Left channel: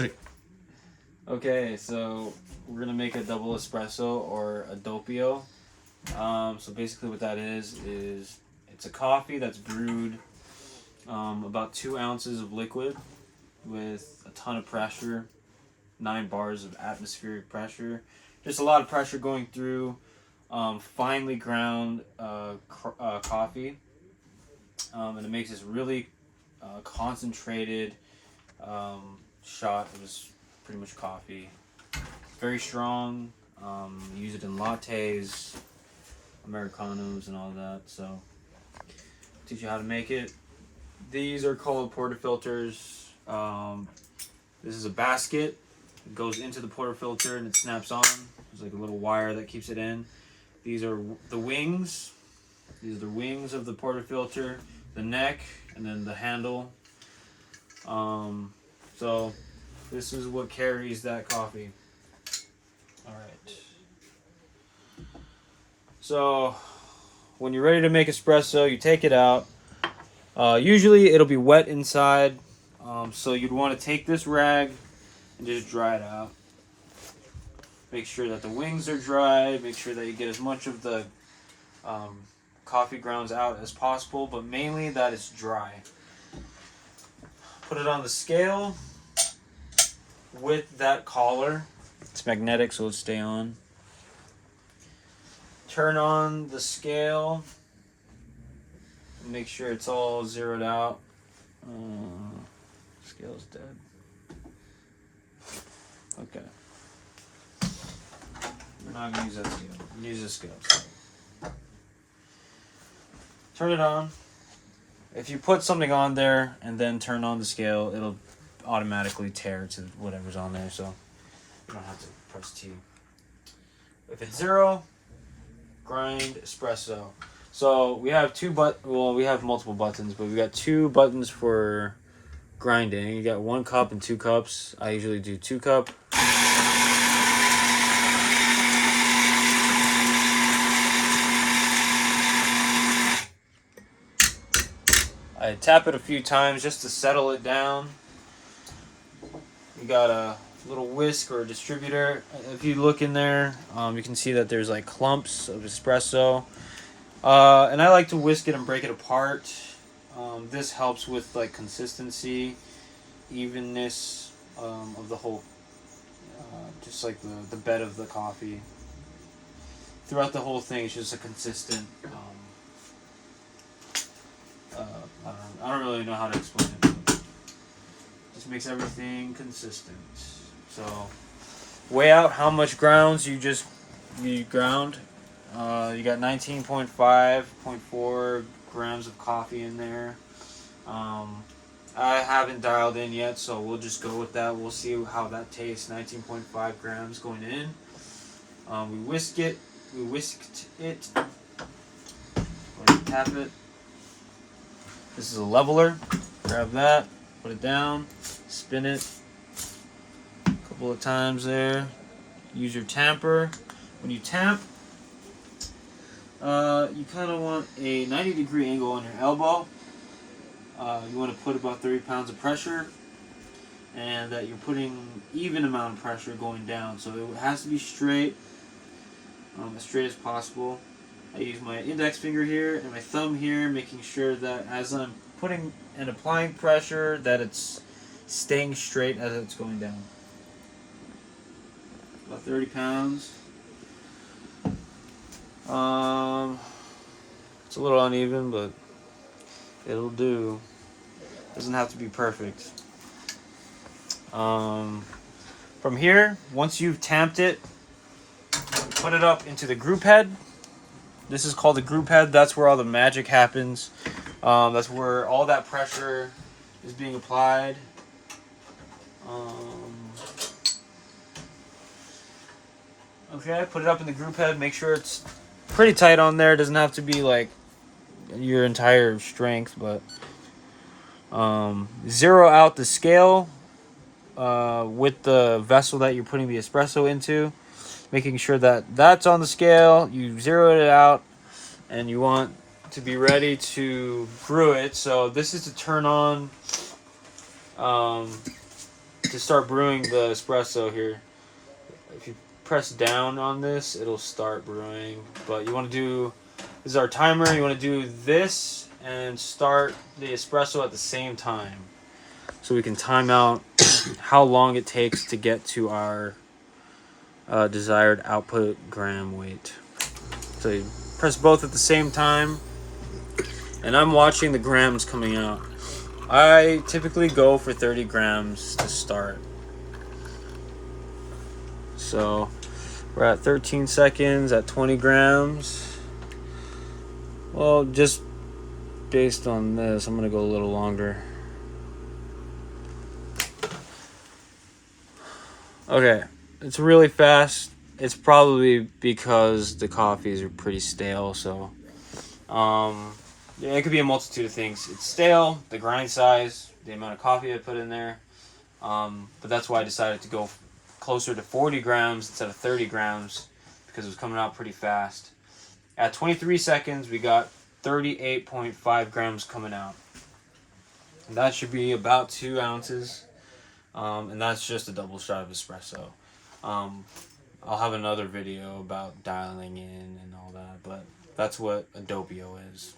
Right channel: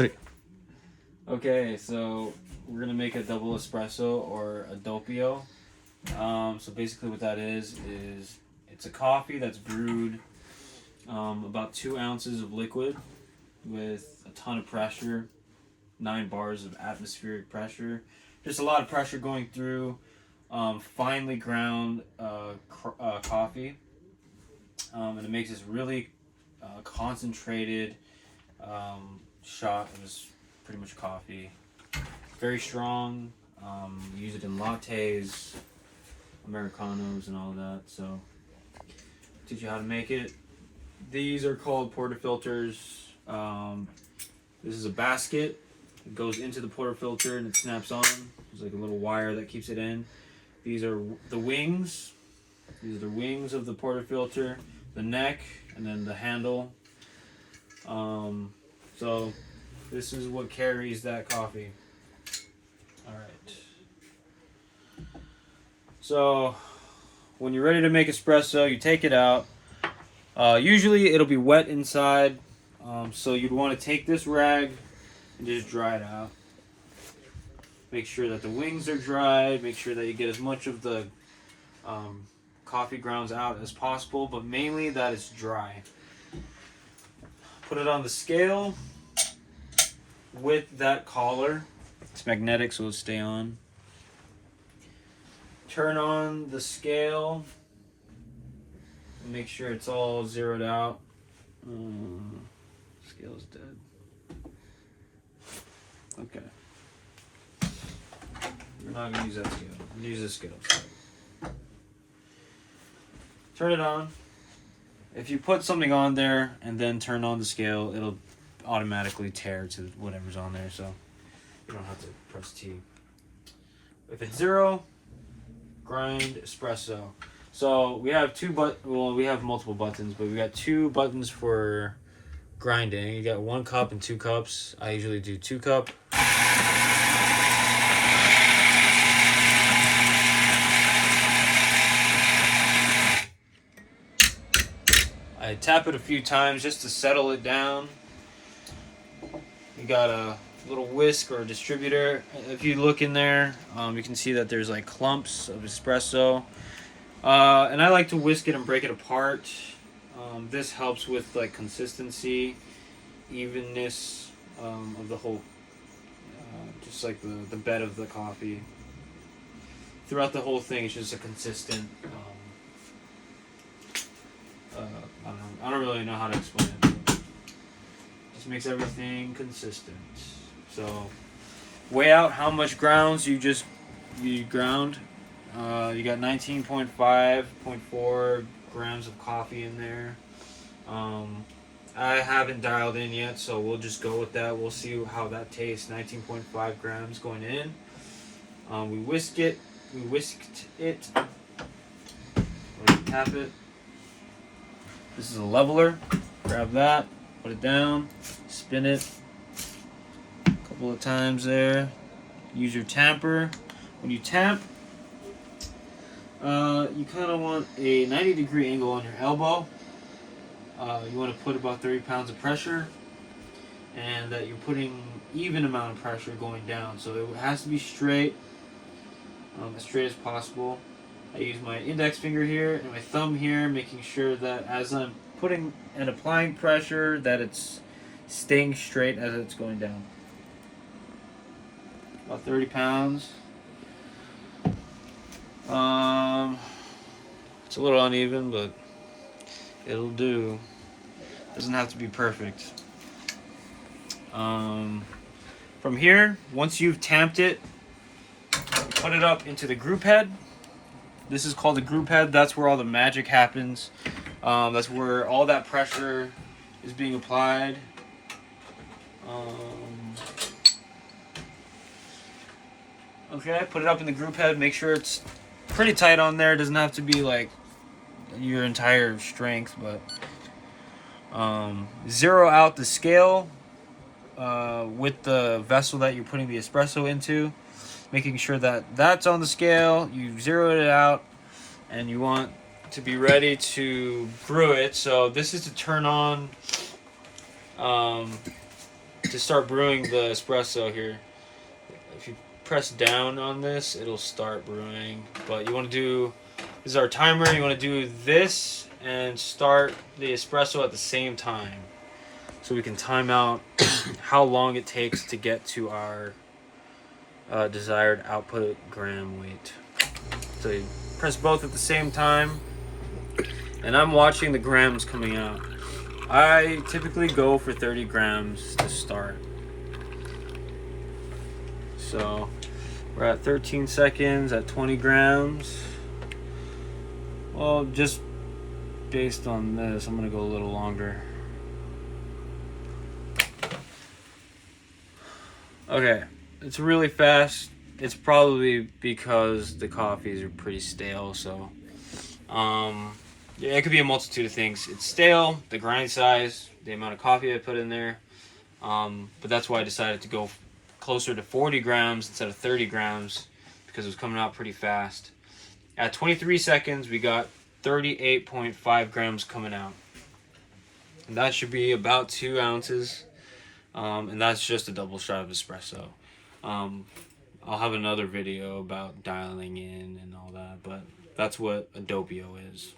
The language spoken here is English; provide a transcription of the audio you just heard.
Three. Okay, so we're gonna make a double espresso or a doppio. So basically, what that is it's a coffee that's brewed about 2 ounces of liquid with a ton of pressure, 9 bars of atmospheric pressure, just a lot of pressure going through finely ground coffee, and it makes this really concentrated shot. It was pretty much coffee, very strong. Use it in lattes, Americanos, and all that. So, teach you how to make it. These are called portafilters. This is a basket. It goes into the portafilter and it snaps on. There's like a little wire that keeps it in. These are the wings. These are the wings of the portafilter, the neck, and then the handle. So this is what carries that coffee. All right. So when you're ready to make espresso, you take it out. Usually it'll be wet inside, so you'd want to take this rag and just dry it out. Make sure that the wings are dried. Make sure that you get as much of the coffee grounds out as possible, but mainly that it's dry. Put it on the scale with that collar. It's magnetic, so it'll stay on. Turn on the scale. Make sure it's all zeroed out. Scale's dead. Okay. We're not going to use that scale. We're going to use this scale. Turn it on. If you put something on there and then turn on the scale, it'll automatically tear to whatever's on there, so you don't have to press T. If it's 0, grind espresso. So we have we have multiple buttons, but we got 2 buttons for grinding. You got 1 cup and 2 cups. I usually do 2 cup. I tap it a few times just to settle it down. We got a little whisk or a distributor. If you look in there, you can see that there's like clumps of espresso. And I like to whisk it and break it apart. This helps with like consistency, evenness of the whole, just like the bed of the coffee. Throughout the whole thing, it's just a consistent. I don't really know how to explain it. But just makes everything consistent. So, weigh out how much grounds you ground. You got 19.5, 0.4 grams of coffee in there. I haven't dialed in yet, so we'll just go with that. We'll see how that tastes. 19.5 grams going in. We whisked it. Or tap it. This is a leveler. Grab that, put it down, spin it a couple of times there. Use your tamper. When you tamp, you kind of want a 90-degree angle on your elbow. You want to put about 30 pounds of pressure, and that you're putting even amount of pressure going down. So it has to be straight, as straight as possible. I use my index finger here and my thumb here, making sure that as I'm putting and applying pressure, that it's staying straight as it's going down. About 30 pounds. It's a little uneven, but it'll do. Doesn't have to be perfect. From here, once you've tamped it, put it up into the group head. This is called the group head. That's where all the magic happens. That's where all that pressure is being applied. Okay, put it up in the group head. Make sure it's pretty tight on there. It doesn't have to be like your entire strength, but zero out the scale with the vessel that you're putting the espresso into, making sure that that's on the scale. You zero it out, and you want to be ready to brew it. So this is to turn on to start brewing the espresso here, if you press down on this, it'll start brewing. But you want to do, this is our timer, you want to do this and start the espresso at the same time. So we can time out how long it takes to get to our desired output gram weight. So you press both at the same time, and I'm watching the grams coming out. I typically go for 30 grams to start. So we're at 13 seconds at 20 grams. Well, just based on this, I'm gonna go a little longer. Okay, it's really fast. It's probably because the coffees are pretty stale, so yeah, it could be a multitude of things. It's stale, the grind size, the amount of coffee I put in there, but that's why I decided to go closer to 40 grams instead of 30 grams, because it was coming out pretty fast. At 23 seconds, we got 38.5 grams coming out. And that should be about 2 ounces. And that's just a double shot of espresso. I'll have another video about dialing in and all that, but that's what a Doppio is.